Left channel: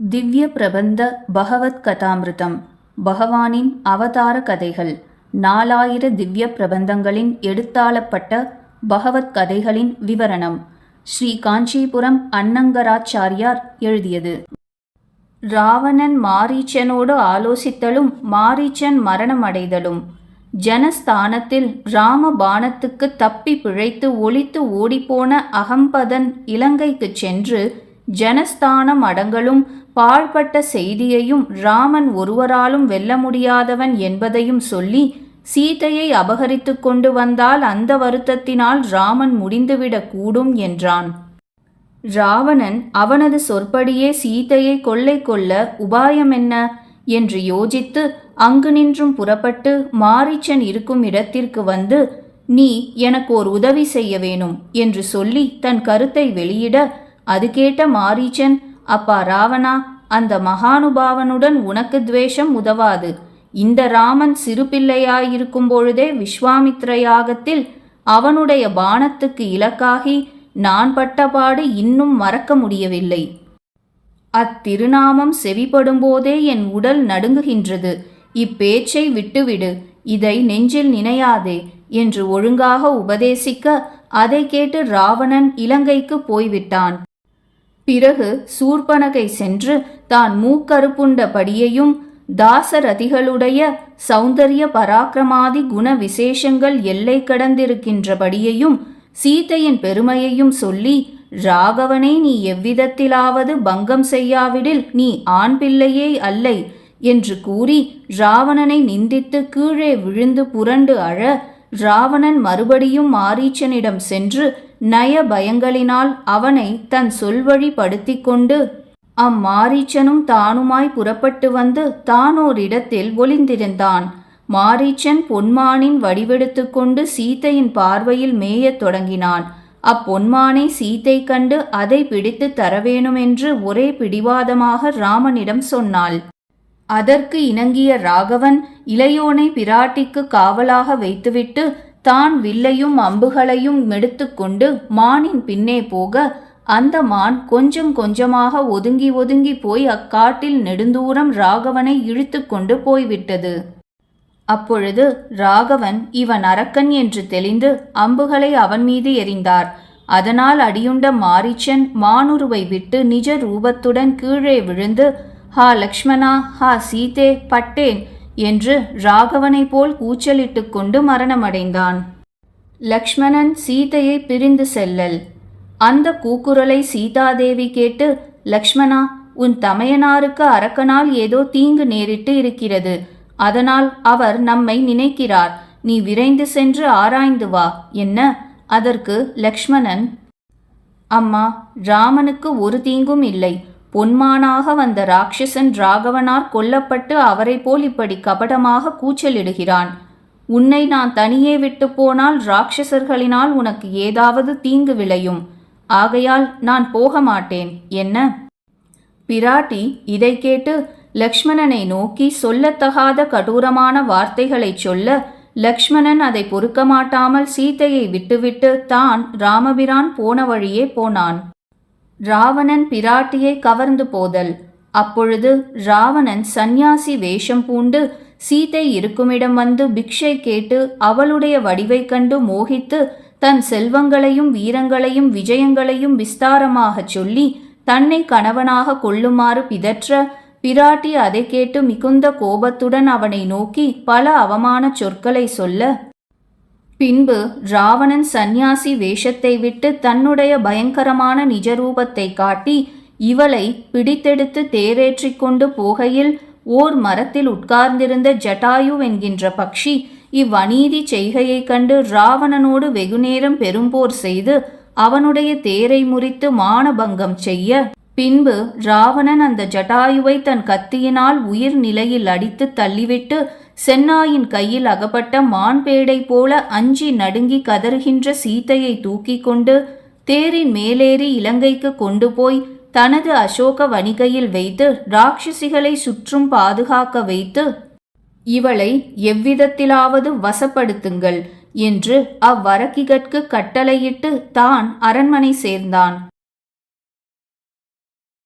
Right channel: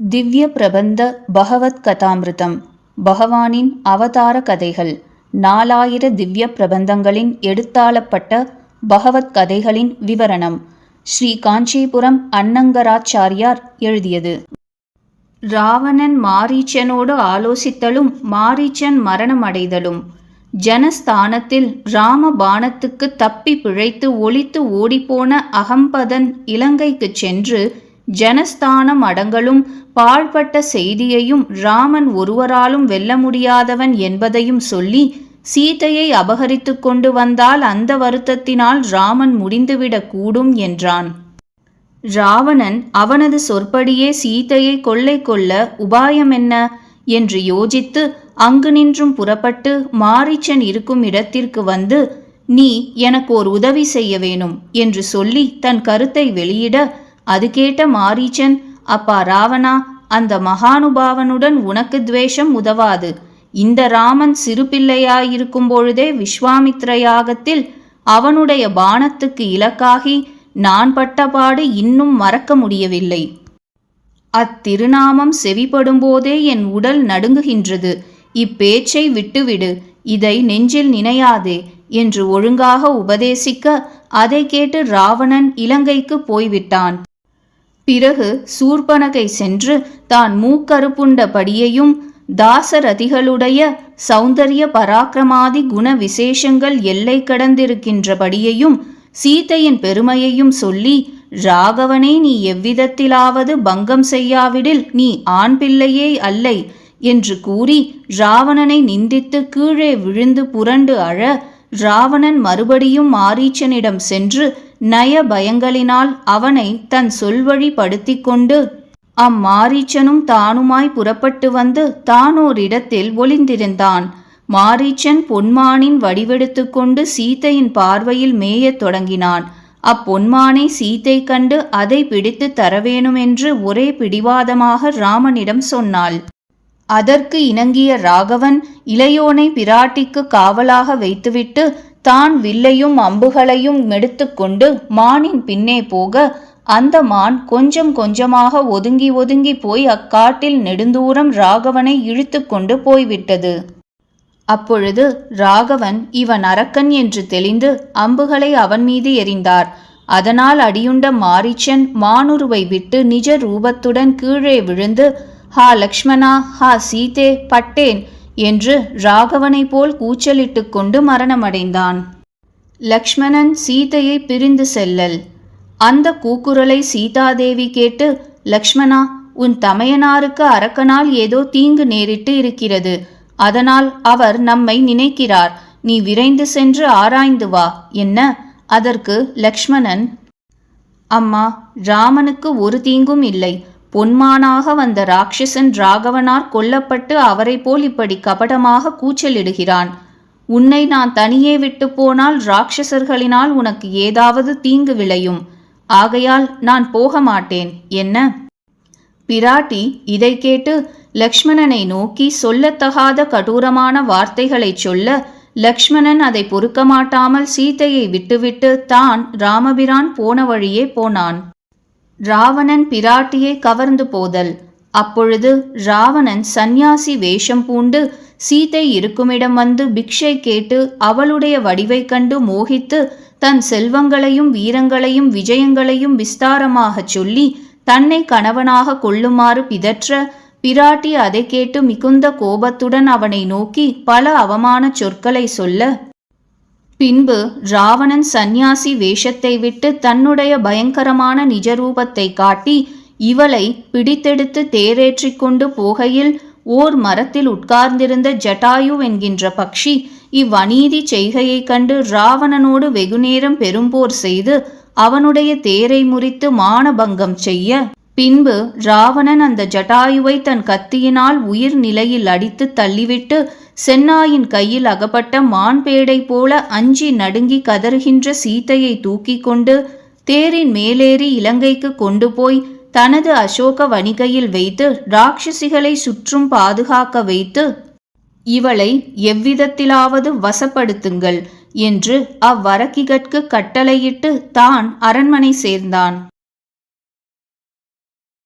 திவ்ய பிரபந்த பகவத் கதாமிருதம் பகவானின் அவதார கதைகள் நாலாயிர திவ்ய பிரபந்தங்களின் எடுத்தாளப்பட்ட பகவத் கதைகளின் விவரணம் ஸ்ரீ காஞ்சிபுரம் அன்னங்கராச்சாரியார் எழுதியது. ராவணன் மாரீச்சனோடு ஆலோசித்தலும் மாரீச்சன் மரணமடைதலும் ஜனஸ்தானத்தில் ராம பாணத்துக்கு தப்பி பிழைத்து ஒளித்து ஓடிப்போன அகம்பதன் இலங்கைக்கு சென்று ஜனஸ்தானம் அடங்கலும் பாழ்பட்ட செய்தியையும் ராமன் ஒருவராலும் வெல்ல முடியாதவன் என்பதையும் சொல்லி சீதையை அபகரித்து கொண்டு வந்தால் அந்த வருத்தத்தினால் ராமன் முடிந்துவிடக் கூடும் என்றான். ராவணன் அவனது சொற்படியே சீதையை கொள்ளை கொள்ள உபாயம் என்ன என்று யோசித்து அங்கு நின்றும் புறப்பட்டு மாரிச்சன் இருக்கும் இடத்திற்கு வந்து நீ எனக்கு ஒரு உதவி செய்ய வேணும் என்று சொல்லி தன் கருத்தை வெளியிட அது கேட்ட மாரீச்சன் அப்பா ராவணா அந்த மகானுபாவனுடன் உனக்கு துவேஷம் உதவாது. இந்த ராமன் சிறு பிள்ளையாயிருக்கும் பொழுதே விஸ்வாமித்ர யாகத்தில் அவனுடைய பானத்துக்கு இலக்காகி நான் பட்டபாடு இன்னும் மறக்க முடியவில்லை. அத்திருநாமம் செவிப்படும்போதே என் உடல் நடுங்குகின்றது. இப்பேச்சை விட்டுவிடு. இதை நெஞ்சில் நினையாதே என்று ஒழுங்காக உபதேசிக்க அதை கேட்டு ராவணன் இலங்கைக்கு போய்விட்டான். பிறகு சூர்பனகை சென்று தான் மூக்கருப்புண்டபடியையும் தாசரதிகளுடைய சௌந்தரிய பராக்கிரமாதி குண விசேஷங்கள் எல்லை கடந்திருக்கின்றபடியையும் சீதையின் பெருமையையும் சொல்லி ராகவனே நீ எவ்விதத்திலாவது பங்கம் செய்யாவிடில் நீ ஆண் பிள்ளையே அல்லை என்று கூறி ராவணனை நிந்தித்து கீழே விழுந்து புரண்டு அழ ராவணன் மறுபடியும் மாரீச்சனிடம் சென்று நய பயங்களினால் அவனை தன் சொல்வழிப்படுத்தி கொண்டு அம்மாரீச்சனும் தானுமாய் புறப்பட்டு வந்து தானோரிடத்தில் ஒளிந்திருந்தான். மாரீச்சன் பொன்மானின் வடிவெடுத்து கொண்டு சீத்தையின் பார்வையில் மேயத் தொடங்கினான். அப்பொன்மானை சீத்தை கண்டு அதை பிடித்து தரவேணுமென்று ஒரே பிடிவாதமாக ராமனிடம் சொன்னாள். அதற்கு இணங்கிய ராகவன் இளையோனை பிராட்டிக்கு காவலாக வைத்துவிட்டு தான் வில்லையும் அம்புகளையும் மெடுத்துக்கொண்டு மானின் பின்னே போக அந்த மான் கொஞ்சம் கொஞ்சமாக ஒதுங்கி ஒதுங்கி போய் அக்காட்டில் நெடுந்தூரம் ராகவனை இழுத்து கொண்டு போய்விட்டது. அப்பொழுது ராகவன் இவன் அரக்கன் என்று தெளிந்து அம்புகளை அவன் மீது எறிந்தார். அதனால் அடியுண்ட மாரிச்சன் மானுருவை விட்டு நிஜ ரூபத்துடன் கீழே விழுந்து ஹா லக்ஷ்மணா ஹா சீதே பட்டேன் என்று ராகவனைப் போல் கூச்சலிட்டு கொண்டு மரணமடைந்தான். லக்ஷ்மணன் சீதையை பிரிந்து செல்லல். அந்த கூக்குரலை சீதாதேவி கேட்டு லக்ஷ்மணா உன் தமையனாருக்கு அரக்கனால் ஏதோ தீங்கு நேரிட்டு இருக்கிறது. அதனால் அவர் நம்மை நினைக்கிறார். நீ விரைந்து சென்று ஆராய்ந்து வா. என்ன? அதற்கு லக்ஷ்மணன் அம்மா ராமனுக்கு ஒரு தீங்கும் இல்லை. பொன்மானாக வந்த ராட்சசன் ராகவனார் கொல்லப்பட்டு அவரை போல் இப்படி கபடமாக கூச்சலிடுகிறான். உன்னை நான் தனியே விட்டு போனால் ராட்சசர்களினால் உனக்கு ஏதாவது தீங்கு விளையும். ஆகையால் நான் போக மாட்டேன். என்ன? பிராட்டி இதை கேட்டு லக்ஷ்மணனை நோக்கி சொல்லத்தகாத கடூரமான வார்த்தைகளைச் சொல்ல லக்ஷ்மணன் அதை பொறுக்க மாட்டாமல் சீதையை விட்டுவிட்டு தான் ராமபிரான் போன வழியே போனான். ராவணன் பிராட்டியை கவர்ந்து போதல். அப்பொழுது ராவணன் சந்நியாசி வேஷம் பூண்டு சீதை இருக்குமிடம் வந்து பிக்ஷை கேட்டு அவளுடைய வடிவைக் கண்டு மோகித்து தன் செல்வங்களையும் வீரங்களையும் விஜயங்களையும் விஸ்தாரமாகச் சொல்லி தன்னை கணவனாக கொள்ளுமாறு பிதற்ற பிராட்டி அதை கேட்டு மிகுந்த கோபத்துடன் அவனை நோக்கி பல அவமான சொற்களை சொல்ல பின்பு ராவணன் சந்நியாசி வேஷத்தை விட்டு தன்னுடைய பயங்கரமான நிஜரூபத்தை காட்டி இவளை பிடித்தெடுத்து தேரேற்றிக் கொண்டு போகையில் ஓர் மரத்தில் உட்கார்ந்திருந்த ஜட்டாயு என்கின்ற பக்ஷி இவ்வநீதி செய்கையைக் கண்டு ராவணனோடு வெகுநேரம் பெரும்போர் செய்து அவனுடைய தேரை முறித்து மானபங்கம் செய்ய. பின்பு ராவணன் அந்த ஜட்டாயுவை தன் கத்தியினால் உயிர் நிலையில் அடித்து தள்ளிவிட்டு சென்னாயின் கையில் அகப்பட்ட மான்பேடை போல அஞ்சி நடுங்கி கதறுகின்ற சீத்தையை தூக்கி கொண்டு தேரின் மேலேறி இலங்கைக்கு கொண்டு போய் தனது அசோக வணிகையில் வைத்து ராட்சசிகளை சுற்றும் பாதுகாக்க வைத்து இவளை எவ்விதத்திலாவது வசப்படுத்துங்கள் என்று அவ்வரக்கிகற்கு கட்டளையிட்டு தான் அரண்மனை சேர்ந்தான்.